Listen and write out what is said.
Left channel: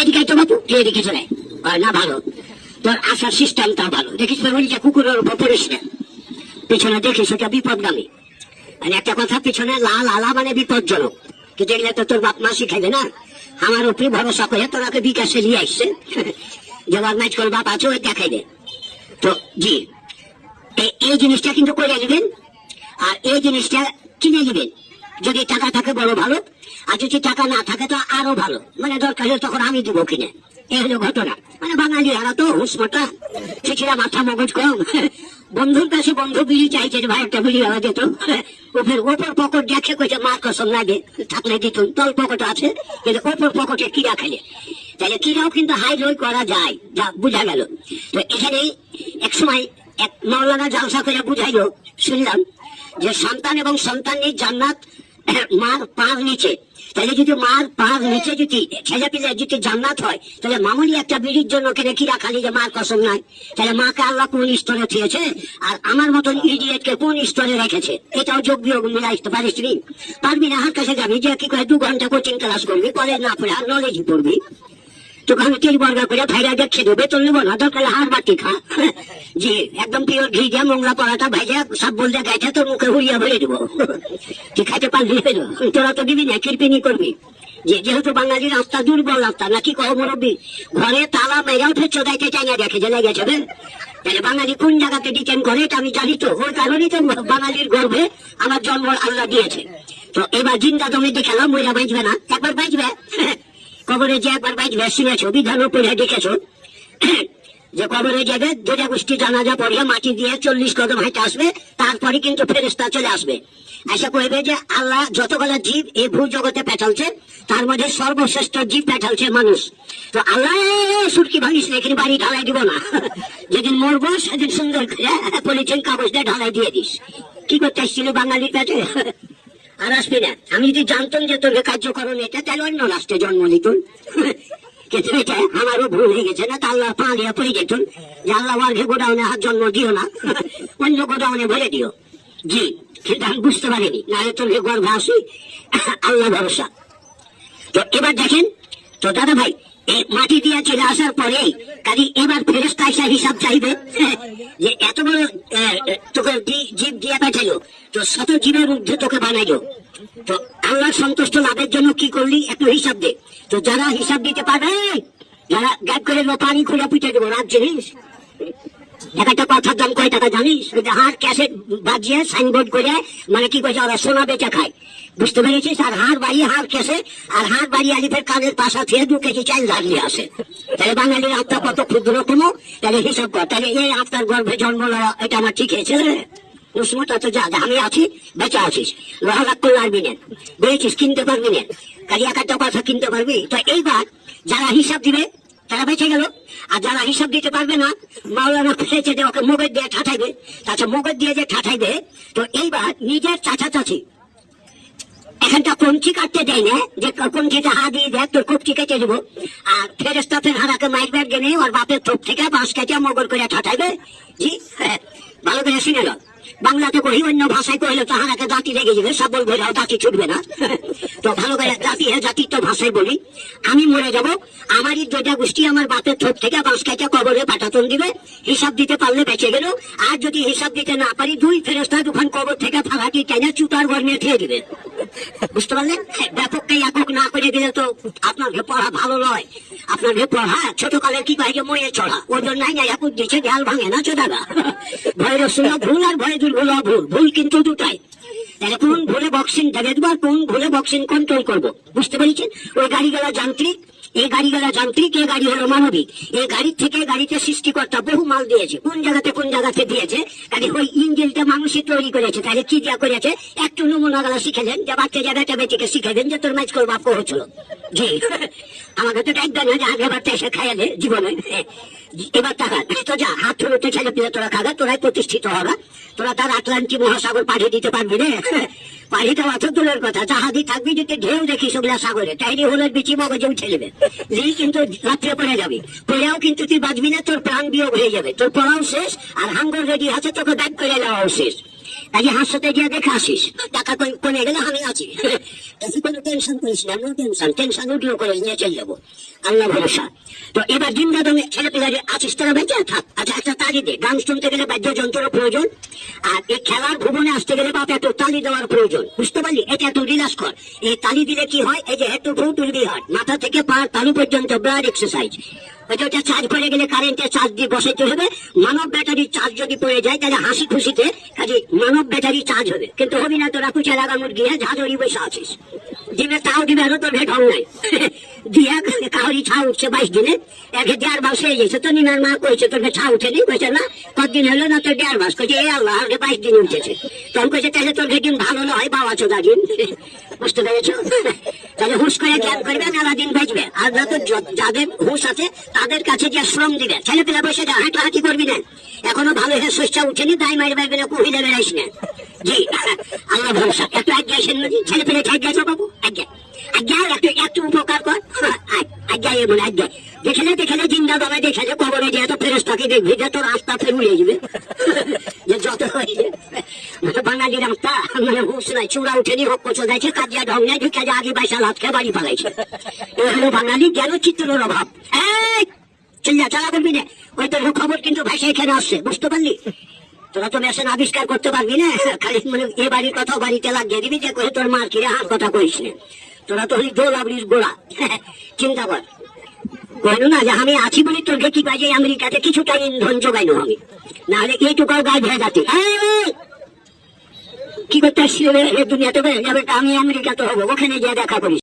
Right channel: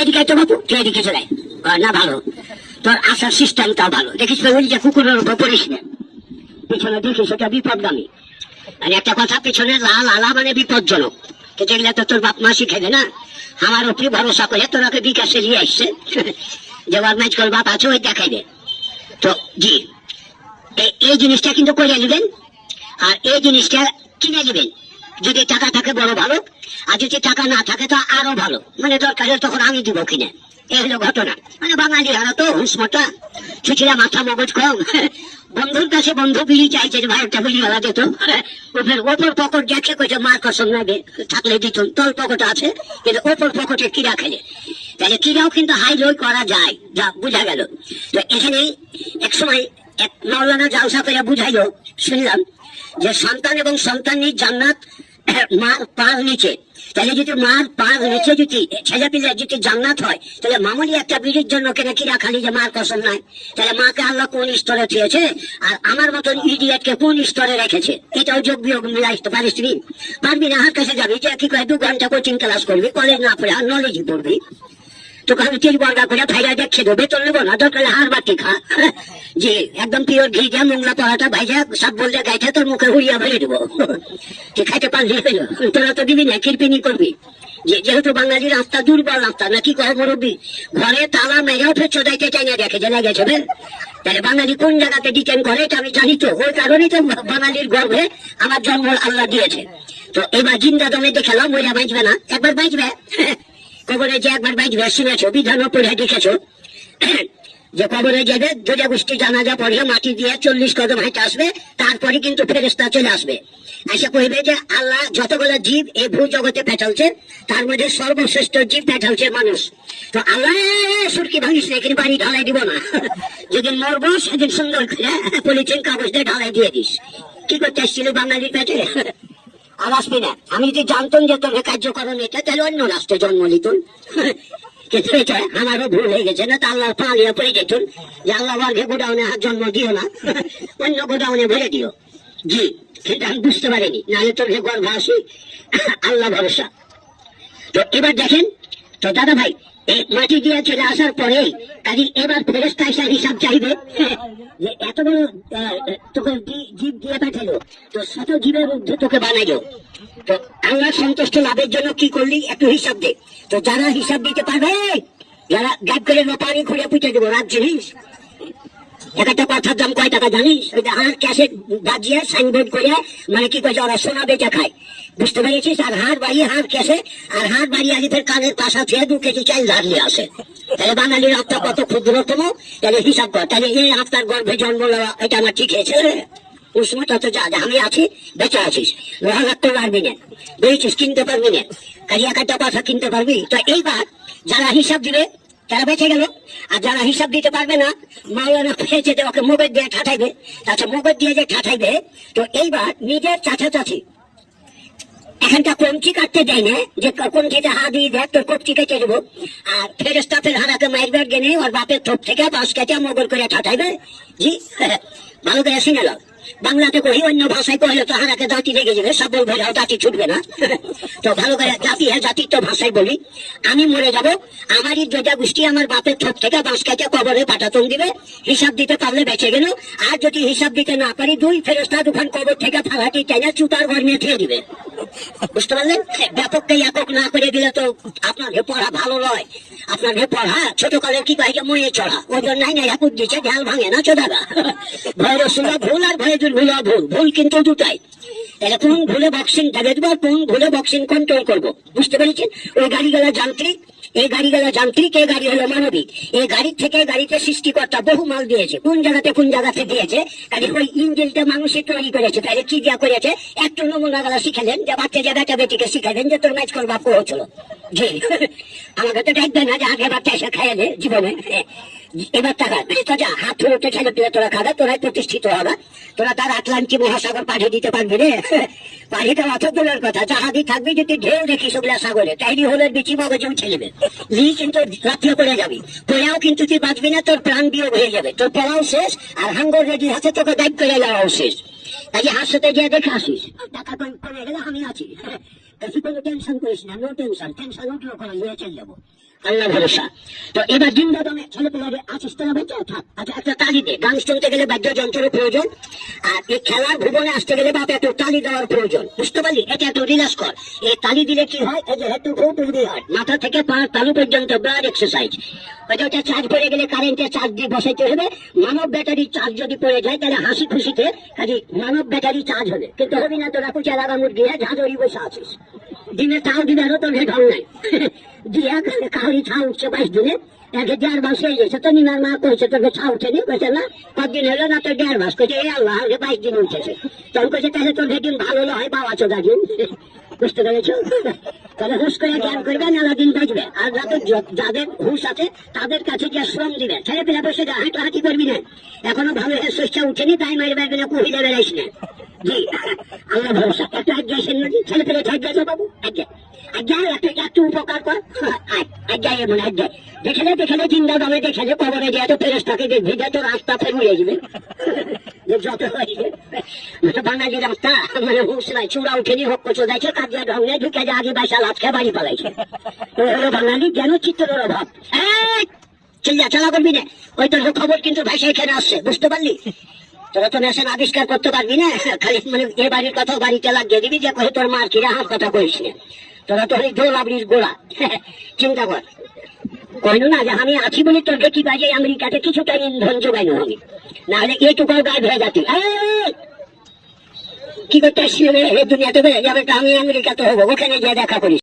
এদিকে তো বাবু, তুই এদিকে চলে না, ভালো তোর আসার সিস্টেমটাও ভালো। দেখিস ওই যে কুকুরের উপর পড়িস না, পিছনে দেখিস ওটা বিপদগামী। আর একটা কথা, পিছনে লাল আলা মানে বিপজ্জনক, তো যেগুলা তো তোর বাপ মা শিখাইবে না। আমার উপরে ভরসা করে তোরাকে বিকাশে নিয়ে আসছে, যে মাইজ কর বাপ আছে ওই দেখাইবে। তো জি, এই জিনিসটা কিন্তু করে নেবেন, আর এই জিনিসটা কিনে নেবেন। যদি টাকা থাকে বড় ভালো, আর যদি টাকা না থাকে তো আরো ভালো, মানে দরকার হলে তখন আমি দিব কিনে। এই হলো ঘটনা। মানে বাঙালি হারা তো হুসমটা, ছিচিরা মাথা মগজ কম। বন্ধুর কাছে বন্ধু বিলি চাইছে যে ভাইটা বিলি হওয়া যেত, ওপর পকেট দেখে কইছে মার কসম নাই থাকলে দিত, তল পকেট আছে কিন্তু ওপর পকেটে কিরা খেলে, তাহলে কিরাও কিন্তু হাই লোই করা যায়, যা বুঝা গেল। তো এখানে এক সময় এক মৌলানা জালসা করে বুঝাইলো, শুনলাম যে সন্তান এবং সন্তানের জান্নাত মার পার নিচে। তাহলে যদি মার পার নিচে যদি ছেলে পিলে যদি জান্নাত হয়, তাহলে মামুলি একটা বিড়ির জন্য কেনে কিরা খালি যে মার কসম নাই, তাহলে মাকে আল্লাহ কোন স্তরে থিয়েছে আর আমার মতন ইডিয়েটকে কোন স্তরে রেখেছে? এটাও যোগ বিয়োগ মিলাইতে পারিস তুই? পারবি না। হার কাছে যাবি, যে কি করে 2 ঘন্টা কোচিং ক্লাস করবি, কলেজ না পড়ে আর নলেজ পড়বি, তোকে আমি 3 বর্গা করে ভাইরা দেখছে দেবে, তোর নেবো না, দরকার হার বাটি খা। জি, একদম পিওর ঘি দিয়ে মোংলা পড়াটা ভাইজা সব বলতে গাইতে তোর মুখে উড়িয়া ভরে দেবো, তুই খাইতে পারলি হইল। তোরা তো দিবি না, কিরপিনি করবি। যেহেতু বাঙালি রাস্তা দুর্বল রাস্তা, নাকি কহ মুরব্বী, ঘরে তালা মেরাও ফের চোদাইতে চাই না, দেখে জানা গেছে। তাহলে বাঙালি কোন জায়গাতে ডিটেন করে এটা আমি জানি, তো ওই কারণেই তো বাঙালির গর্ভে আমার জন্ম আল্লাহ দিয়েছে। তো এবার জিন্দা দমে দেখালাম, মইরা বাঁচবে না, একবার বাঁচবে। কবরে যে একবার বাঁচবে, শুনেছো বিধানও পড়ে দেখেছো যে কবরে যাবে, দুটা গোষ্ঠী জানাজা পড়ে মাটি দিয়ে 40 কদম হেঁটে আসবে, তারপরে কিন্তু ফেরেশতা চলে আসবে, এসে কইবে যে আল্লাহ যতগুলো জীব এই ভূ জগতে পেটালছে তার মধ্যে সর্বশ্রেষ্ঠ জীব পেটালছে মানুষ। তো আল্লাহ সুরকি ভাঙিস এখানে বাড়ি ঢালাই দিব না, যেদিন মরবো সেদিন সুন্দর করে পলিথিন কাগজ দিয়ে ঢালাই দিয়ে দিস। কি করতে এসেছিল বাঙালির পেটে? আর আসবি না। আমি যদি জানতাম যে তোর কার্যকরণ এটা, তাহলে অন্য রাষ্ট্রে জন্ম নিত। আমারও ভুল হয়ে গেছে না, তা আল্লাহ পালিয়া পড়ে যেত যে আল্লাহ বর্গে গোডাউনে আর জন্ম দিও না, অন্য গোডাউনে ভরে দিও। জি, কিন্তু আমি বুঝতে পারিনি, নাহলে তোর গর্ভ আসি, আল্লাহ ভরসা। তো এবার দেখেন তো দাদা ভাই, এই মাটি দিয়ে চলে আসার পরে কাজে এবার ফেরেশতা এসে হিসাব চাইবে যে এত বড় তোকে জীব দিয়ে পাঠাইলো, তো শত জীবের ঊর্ধ্বে তোকে বানাইলো, তো আল্লাহ সন্তুষ্ট লাভের জন্য কি করলি একটু হিসাব দে। তো যারা হিসাব দিতে পারবে, যারা গাইব করে পানি খুলে পুঁতে দেবো রাত জিনিস। একটা কথার দাম কয় টাকা জানিস? হার ক্যাসেট বাজিয়ে সাইনবোর্ড করে, মানে কি করছে ওরা সোনা বেচা খায়, বুঝতে পেরেছিস? আর হার বাড়ি হার ক্যাসে, আর হার বাড়ি আলিফের কানের পাশা থেকে 2 কেজি চাল দাঁড়িয়ে আসে। তাহলে বাঙালির আত্মা কত ক্ষুদ্রতম, তাহলে হিসাব কর। তাহলে এই আত্মার গর্ভে জন্ম নেওয়া এটা আমার ঠিক হয়েছে? উষ্ণতা তো যা আমি আছি, বেচা আছিস, লোহা লাগ করলে আরবি না, বুঝেছিস? কিনতে পারবি না, কাজে একটা কথা কিনতে পারবি। তো এইবার যারা হিসাব দিবে তারা বেঁচে গেল, আর যারা হিসাব দিতে পারবে না, মাওলানা পেয়েছে যে ওকে মোগের দিয়ে ঠাঠাইবে, তাছাড়া মোগের দিয়ে যে ঠাঠাইবে, তো এইবার নিজের চাচা চাচি এখানটা কমচি কাটতে দেয় না, যে কমচিতে হাত দিয়ে দেখ তোর কপচি কেটে দেবো, আর ফেরেশতা ফের হারাকে মারবে গেলে ওর বাপের থোপ থেকে বাঁশ কেটে মগর করে ঠাঠাইবে। জি, ভালো করে শুনে গেল। বাংলাতে কই, অন্য ভাষায় কইলে তো হারাকে দাঁতি লেগে যাবে, সাবল ভেড়াও দাঁতি ছুটবে না। তো ভালো করে জাতি, হ্যাঁ জাতির তো ভাষায় বলি, আমি মরে যাব, আমারই 2টা গোষ্ঠী আমার বাপের থোপ থেকে বাঁশ কেটে কবরে পাটাতন দিবে, হিসাব দিতে পারলে বেঁচে গেল। আর যদি হিসাব দিতে না পারি, 2 ফেরেশতা দোকান কবর থেকে ফালাটি টেনে চুতার ঘর নিয়ে খেয়ে দিবে। বুঝতে পারলেন? ব্যাপককে একক না করে দিলে তো আপনার পড়া ভালো নয়। আপনার পড়া ছোটকালে কি কয় যে ময়ে চড়া, ওজন নাই না একুট দিচ্ছে, ঢাল ভাঙে না চোদাগা। ভয়ের সুরা ভুল আর ভয় দুর্ভুল ভুল, ভুল কিন্তু দুটাই। তাহলে কোন ভুলে বক্সিং দেবে দেবার, কোন ভুলে বক্সিং কন্ট্রোল করবো, বুঝতে পেরেছেন? ওই গাড়ি গেলা যান্ত্রিক, এই গাড়ি গেলা যান্ত্রিক, এই গাড়ি হলো মানবিক। এই গাড়ির থেকে গাড়িতে সৃষ্টিকর্তা বহু মাল দিয়েছে, কোন জায়গাতে দিয়েছে, কাজে ওই ইঞ্জিনটা মানুষই তৈরি করেছে। তাহলে কি দেওয়া করেছে, একটু নমুনা গেলা শিখেলেন, যে বাচ্চা জায়গাটা বেটিকে শিখালেন যে তোর ম্যাচ করবা হচ্ছিল। জি, আমাকে তো ডাকবে না যে আগে বাচ্চা এসে খাইয়ে দে জীবনে। এবার টাকা তো যা হাত ধরে ছেলে পিলে তোরা খাগা, তোরাই প্রতিষ্ঠিত হবা, তোরা তার আটলান্টিক মহাসাগর পাঠিয়ে দিতে পারবি রে। পানিটা মাথা দূরের কথা, জাহাজই থাকবে যদি ঢেউ দেখি সেগুলা সাগরে, তাইনি হলে বিচি মগজে উঠে নেবে, কিন্তু রাত্রে পড়ে যাবি, পড়েও কিন্তু তুই বাঁচবি না, তোর প্রাণ বিয়োগ হয়ে যাবে, তোর পড়াও শেষ আর হাঙ্গর রেডি আছে, তোকে দায়িত্ব করে যাওয়াও শেষ। কাজে হাসতে গিয়ে দেখে আসিস, টাকা কমে গেলে আমি আছি। কোনো টেনশন করিস না, নো টেনশন, টেনশন উঠিও করে নিয়ে চলে যাবো, আল্লাহ ভরসা। তো এবার জিন্দা দমে ছেলে পেলে আছিস তোরা বেঁচে থাক। আচ্ছা একটা তালি দে, গান শুনতে গেলে বাদ্যযন্ত্রের প্রয়োজন, আর এই খেলার ভুবনে আসতে গেলে বাপ একটু তালি দেওয়ার প্রয়োজন, বুঝতে পারলি? এটা একটু রিল্যাক্স কর। এই তালি দিলে কি হয়, এই যে হেড টু ফোট হয়, মাথা থেকে পা তালু পর্যন্ত ব্লাড এক্সারসাইজ। ওইটা চার্জ পড়ে গেলে কারেন্টের চার্জ দিয়ে বসাইতে হবে। মানব ব্যাটারির চার্জ যদি পড়ে যায় তাহলে হাসি খুশিতে কাজে মানব ব্যাটারি চার্জ হবে, কিন্তু হবি না তোরা কুচে লাগা মুরগি ঝাঁঝরি বসে আছিস। দিনে তাও দিবে আরো তোর ভেট হং নাই দিয়া কাউরি ছা উঠছে 22 দিনে, একে 1.5 মাস হয়ে গেছে। তো নিনার মা কইছে তোর ছা উঠেনি, কইছে না কতদিন হলো না তোর 1.5 মাস, কইছে এ আল্লাহ আগে 22 দিন উঠেছে। তখন কইছে তাহলে তোর ভেটিম ভালো হয় বাবা চোদা দিন, বুঝতে পেরেছো? তাহলে হুশ করে জ্ঞান করবে, মেলা দিন বাঁচবে। আর না তো যাদের হুশ আছে তাদের কাছে যে শ্রম দিবে, ছেলে পেলে বসে যা হাঁটাহাঁটি করবি না, এখনো ভালো হয়ে শস্য উঠেনি তাই মারি পারবি না, কুহিলে বেড়াইস না। জি আল্লাহ ভরসা। একটু আজ্ঞা সেন নদী ছেলে পেলে আজ্ঞা বাবু, আজ্ঞা আজ্ঞা একটু একটু উপকার কর, আজ্ঞা এমন আজ্ঞা দেখলে জিন্দা দামে দেখলে কবরে যে এত ফেরস্তাকে দেখবি যে তোর রাস্তা ফের উড়ে যাবে, যে যত হয়েছে বাঙালি রাস্তা মানে হুঁশ নাই, চূড়া উঠেনি হক চোদাইছে, কাজিয়া ঢং নেই, ঢুকে যে আগে বাইশাল হাত খেয়ে বাড়ি পালাইছে। বাঙালি জ্ঞান চিত্রের অভাব। চিল্লা চালা করবি না, ওই তোর খবর কিন্তু ভাইসা এখানে আসছে, বুঝতে পারলি? তোরা তো মেশিন আবিষ্কার করতে পারবি না, খালি মানে এ বাড়ির কথা বাড়িতে লাগিয়ে দিবি, যে কহে তোর মার কিরে হাত কথা কইস না। তোরা তো দোলাবড়ির গোড়া, চিন্তা কর। কইল না যে আমি আছি বলে তোর কি বাজে আমেরিকাতে কিছুটা ইন্ধন যোগাইনো আমি, না হলে এইটুকু গায়ে ভেয়ে যাচ্ছি। কি করতে আসছি তুমি এত যাবে, আমি আমেরিকাতে হবো, ওখানে গিয়ে দেখা করিস।